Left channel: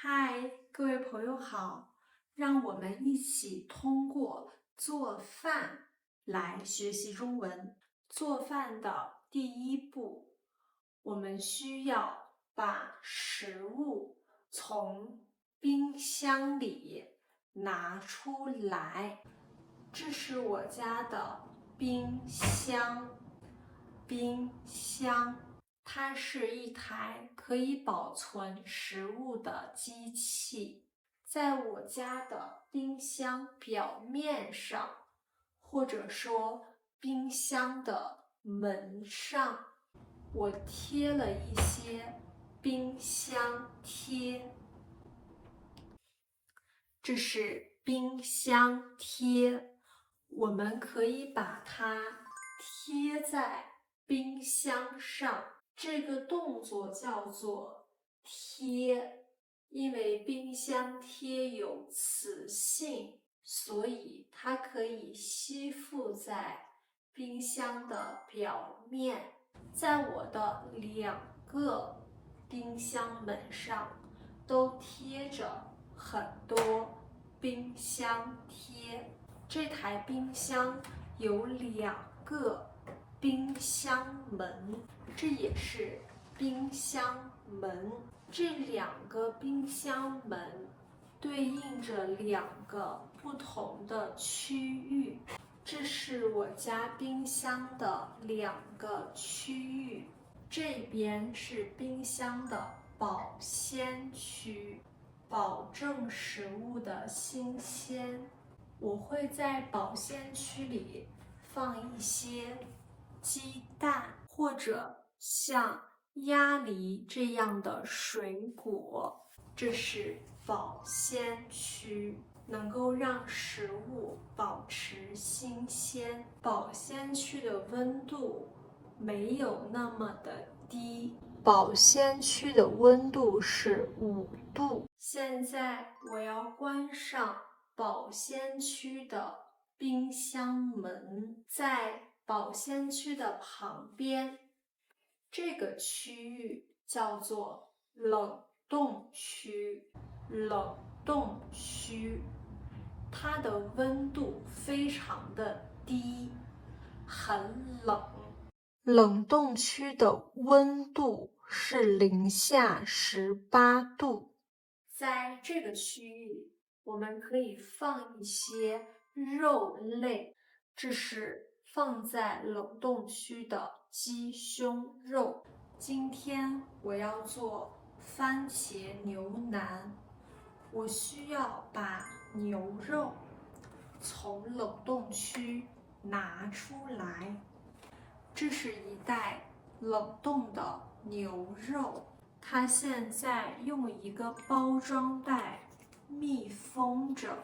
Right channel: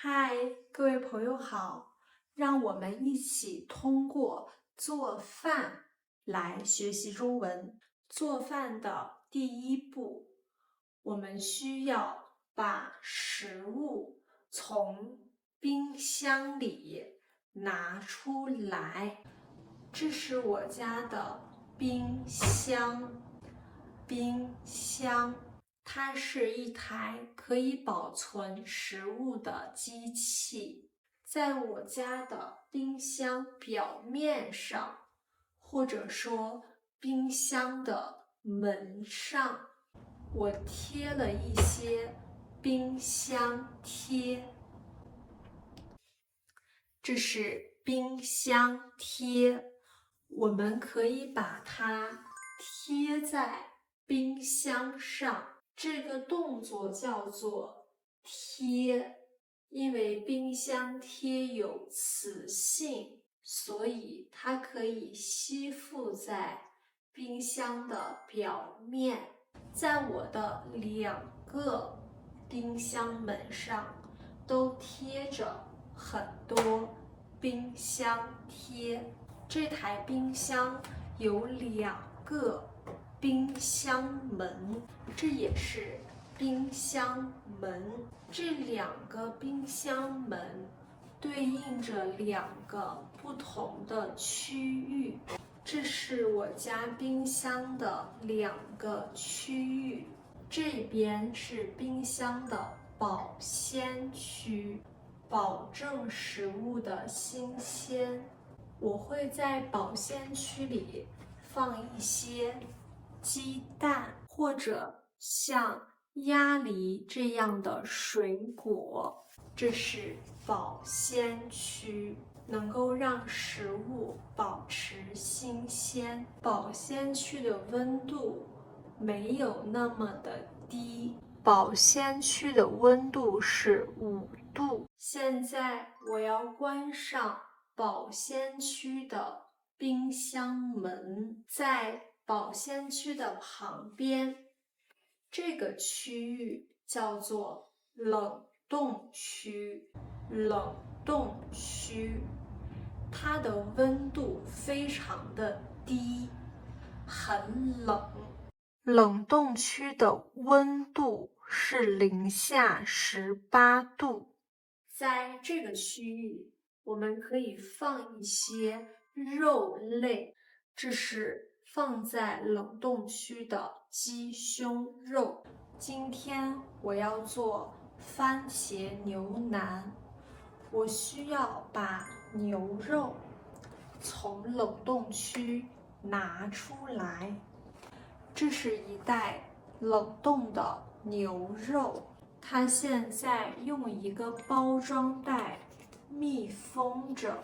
嗨，各位朋友好，让我们一起通过做饭来学习中文。做饭的第一步，我们需要把食物从冰箱里拿出来。这是我家的冰箱，它是一台可以保存食物的机器。在我家的冰箱表面上，或者说冰箱的门上，我贴了一些冰箱贴。这是冰箱贴，我们可以把它贴在冰箱上。这个动作叫做贴，因为冰箱贴有磁性，所以它可以吸附在冰箱的表面。在我的2个冰箱门上都贴着很多冰箱贴。这台冰箱有2个冰箱门，这也是冰箱门。这2个冰箱门对应着2个不同的区域。这是我家冰箱的2个区域，这边是冰箱的保鲜区，保证食物的新鲜。我会在保鲜区里放一些鸡蛋，或者像鸭梨这样的水果。这是保鲜区，能够让食物保持新鲜。保鲜区的温度没有那么的低，保鲜区的温度是5度。现在我要关上保鲜区的冰箱门，在保鲜区的旁边，这个区域叫做冷冻区。冷冻区，它的温度非常的低，很冷。冷冻区的温度是零下18度。在这个区域，我们可以放一些肉类，这是放在冷冻区的鸡胸肉。今天我要做番茄牛腩，我需要把牛肉从冷冻区拿出来。这是一袋冷冻的牛肉，它现在用一个包装袋密封着，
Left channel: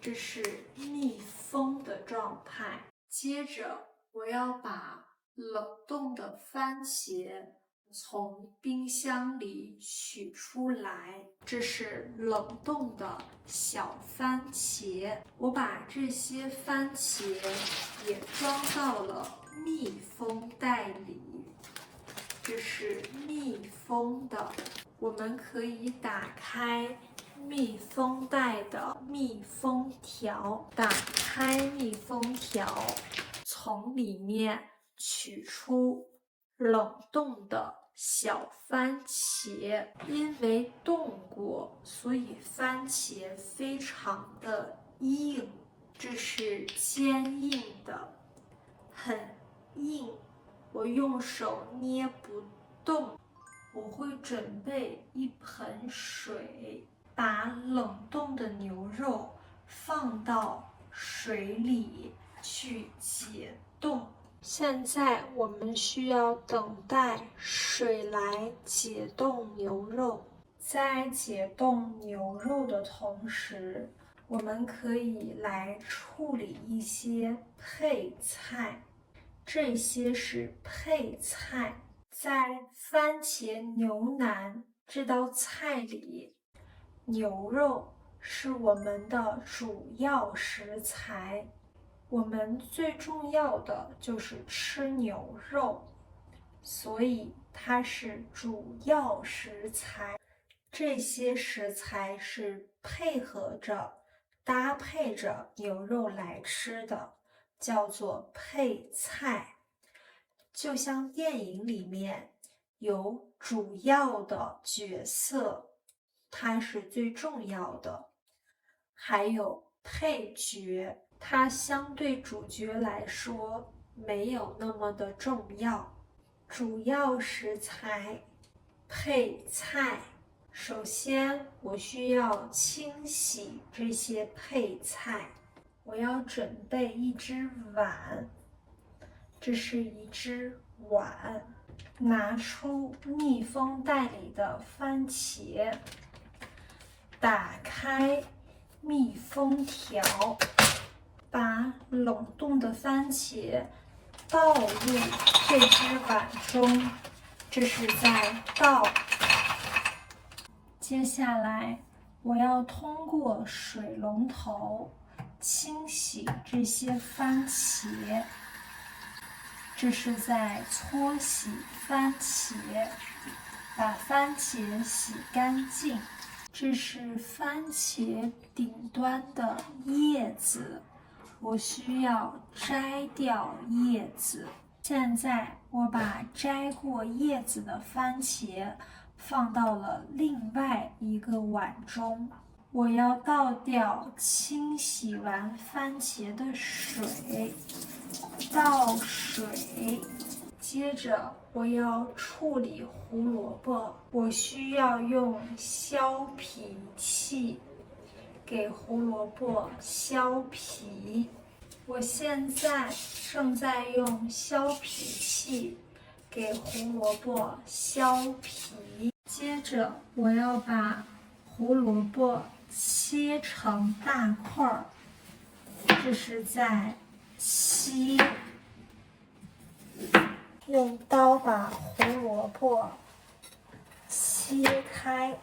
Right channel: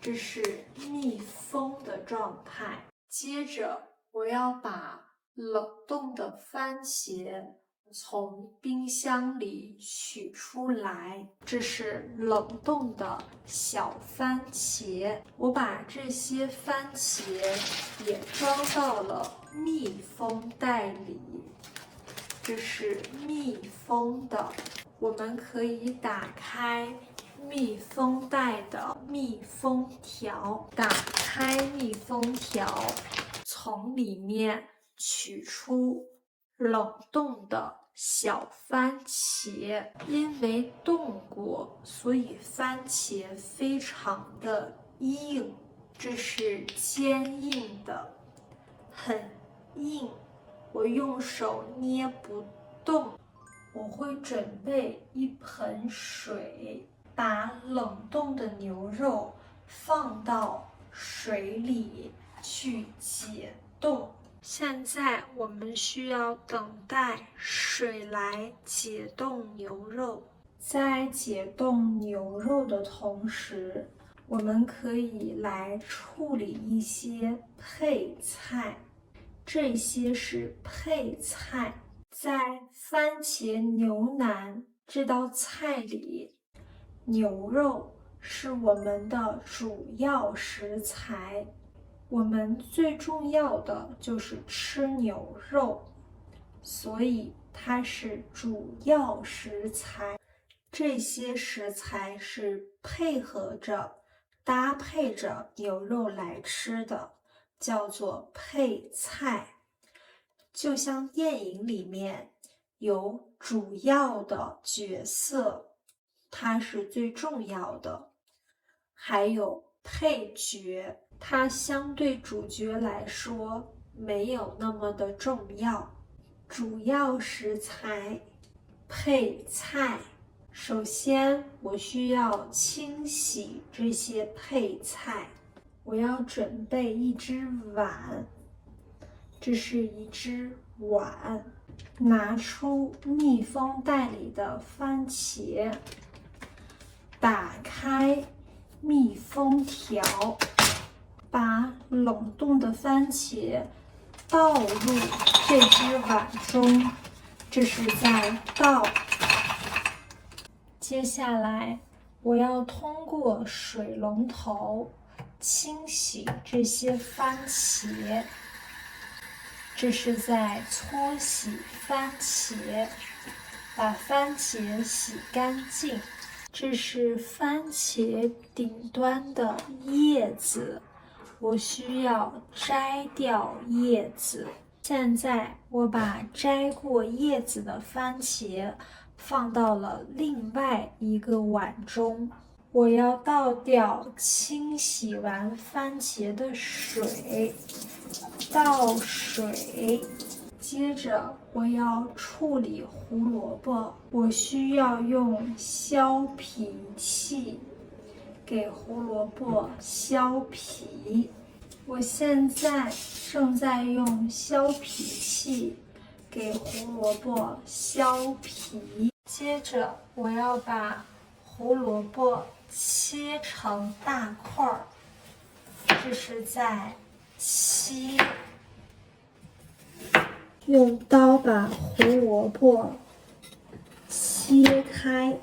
这是密封的状态。接着，我要把冷冻的番茄从冰箱里取出来，这是冷冻的小番茄。我把这些番茄也装到了密封袋里，这是密封的。我们可以打开密封袋的密封条，打开密封条，从里面取出冷冻的小番茄。因为冻过，所以番茄非常的硬，这是坚硬的，很硬，我用手捏不动。我会准备一盆水，把冷冻的牛肉放到水里去解冻。现在我们需要等待水来解冻牛肉。在解冻牛肉的同时，我们可以来处理一些配菜。这些是配菜。在番茄牛腩这道菜里，牛肉是我们的主要食材。我们最重要的就是吃牛肉，所以它是主要食材。这些食材是配合着、搭配着牛肉来吃的，叫做配菜。就像电影里面有主要的角色，它是最重要的，还有配角，它相对主角来说没有那么的重要。主要食材配菜，首先我需要清洗这些配菜。我要准备一只碗，这是一只碗。拿出密封袋里的番茄，打开密封条，把冷冻的番茄倒入这只碗中，这是在倒。接下来，我要通过水龙头清洗这些番茄，这是在搓洗番茄，把番茄洗干净。这是番茄顶端的叶子，我需要摘掉叶子。现在我把摘过叶子的番茄放到了另外一个碗中，我要倒掉清洗完番茄的水，倒水。接着我要处理胡萝卜，我需要用削皮器给胡萝卜削皮。我现在正在用削皮器给胡萝卜削皮。接着我要把胡萝卜切成大块儿，这是在切。用刀把胡萝卜切开。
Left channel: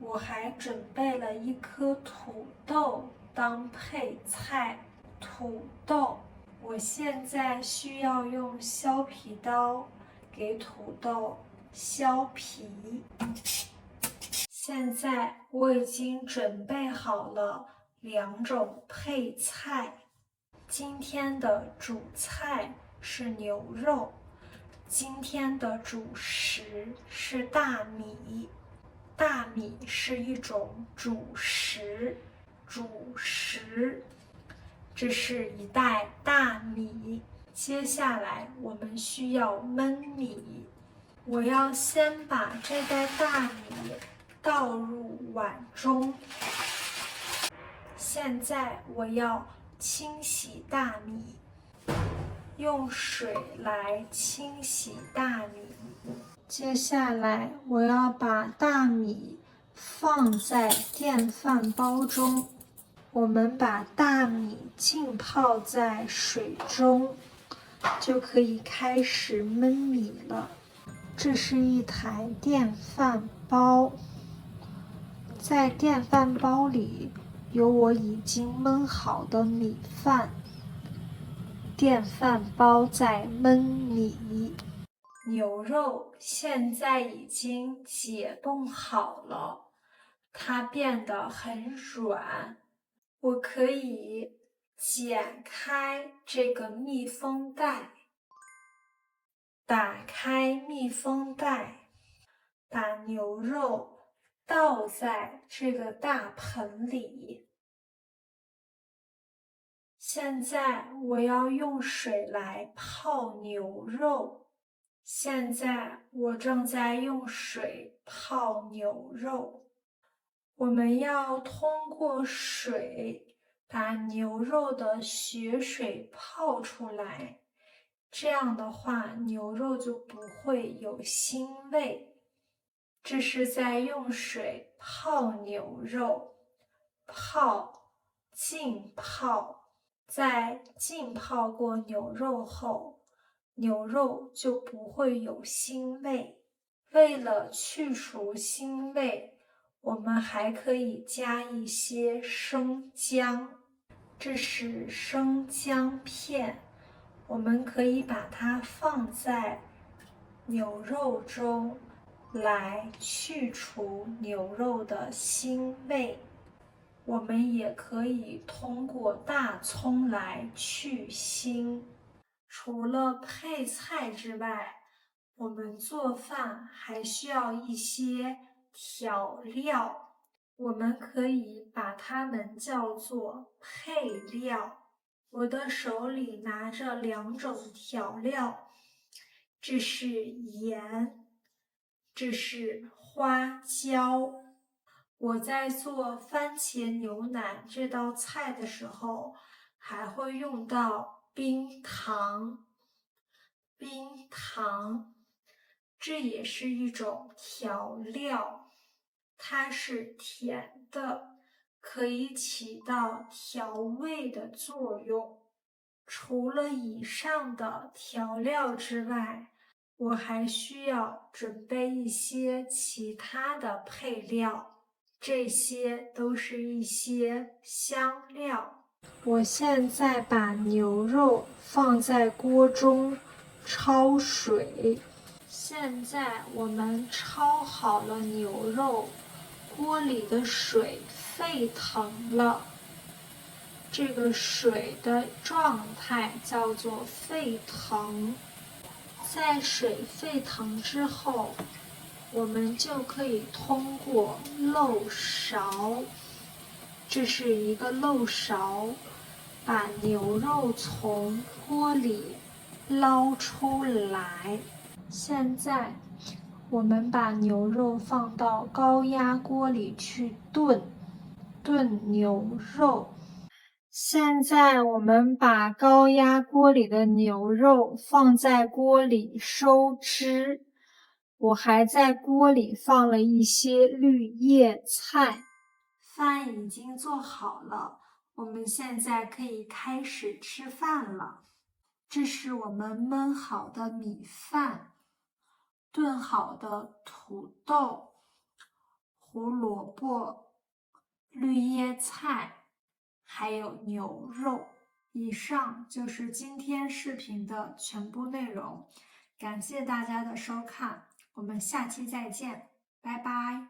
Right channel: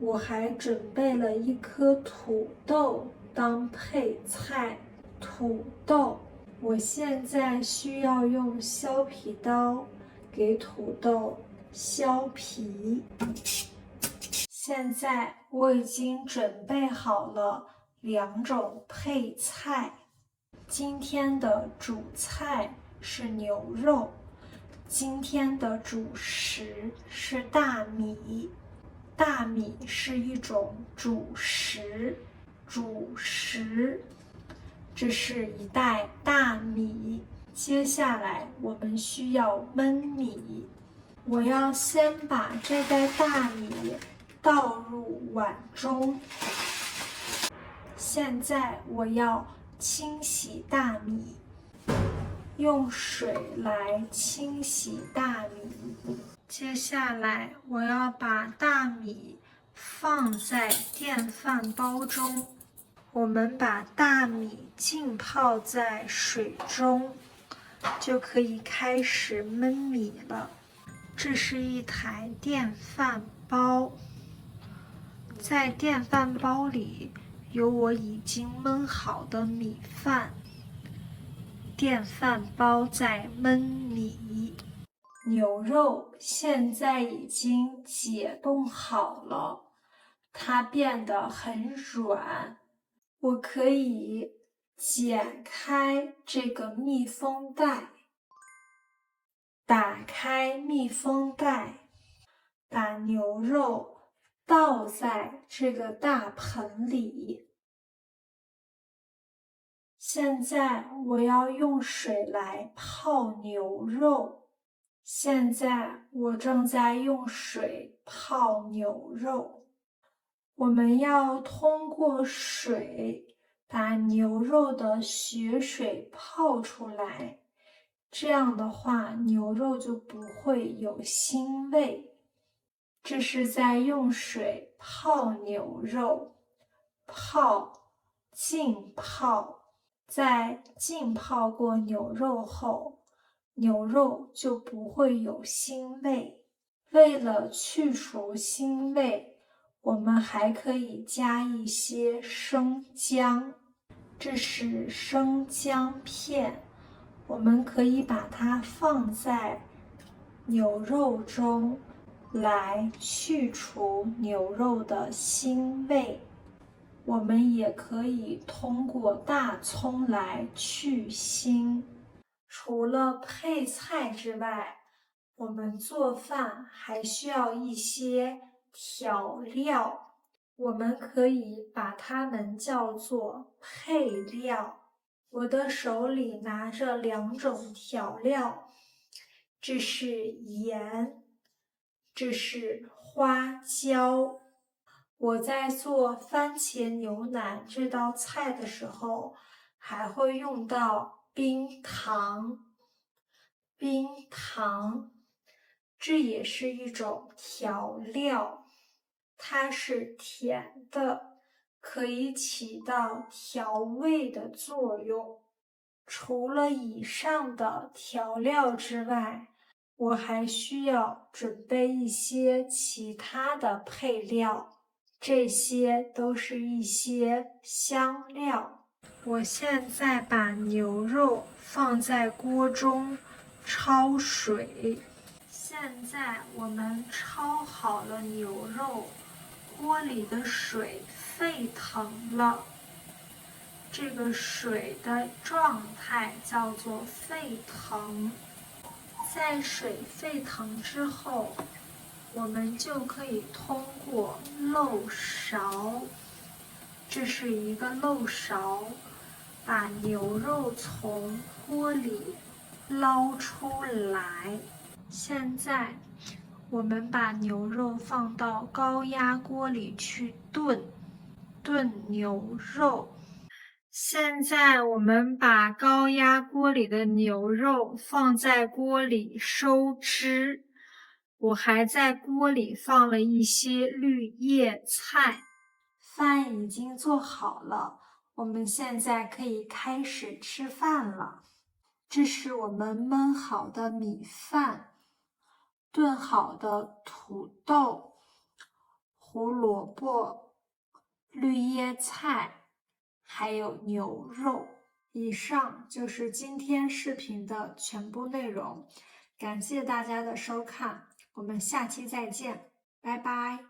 我还准备了一颗土豆当配菜。土豆，我现在需要用削皮刀给土豆削皮。现在我已经准备好了2种配菜。今天的主菜是牛肉，今天的主食是大米。大米是一种主食，这是一袋大米。接下来我们需要焖米。我要先把这袋大米倒入碗中。现在我要清洗大米，用水来清洗大米。接下来我要把大米放在电饭煲中。我们把大米浸泡在水中，就可以开始焖米了。这是一台电饭煲，在电饭煲里有我已经焖好的米饭。电饭煲在焖米。牛肉现在已经解冻好了，它变得很软。我可以剪开这个密封袋，打开密封袋，把牛肉倒在这个大盆里。现在我要用水来泡牛肉。现在我正在用水泡牛肉。我们要通过水把牛肉的血水泡出来，这样的话牛肉就不会有腥味。这是在用水泡牛肉，浸泡。在浸泡过牛肉后，牛肉就不会有腥味。为了去除腥味，我们还可以加一些生姜，这是生姜片，我们可以把它放在牛肉中，来去除牛肉的腥味。我们也可以通过大葱来去腥。除了配菜之外，我们做饭还需要一些调料，我们可以把它们叫做配料。我的手里拿着2种调料，这是盐，这是花椒。我在做番茄牛腩这道菜的时候，还会用到冰糖。冰糖，这也是一种调料，它是甜的，可以起到调味的作用。除了以上的调料之外，我还需要准备一些其他的配料，这些都是一些香料。我现在把牛肉放在锅中焯水。现在我们焯好了牛肉，锅里的水沸腾了。这个水的状态叫做沸腾。在水沸腾之后，我们就可以通过漏勺，这是一个漏勺，把牛肉从锅里捞出来。现在我们把牛肉放到高压锅里去炖牛肉。现在我们把高压锅里的牛肉放在锅里收汁，我还在锅里放了一些绿叶菜。饭已经做好了，我们现在可以开始吃饭了。这是我们焖好的米饭，炖好的土豆、胡萝卜、绿叶菜，还有牛肉。以上就是今天视频的全部内容，感谢大家的收看，我们下期再见，拜拜。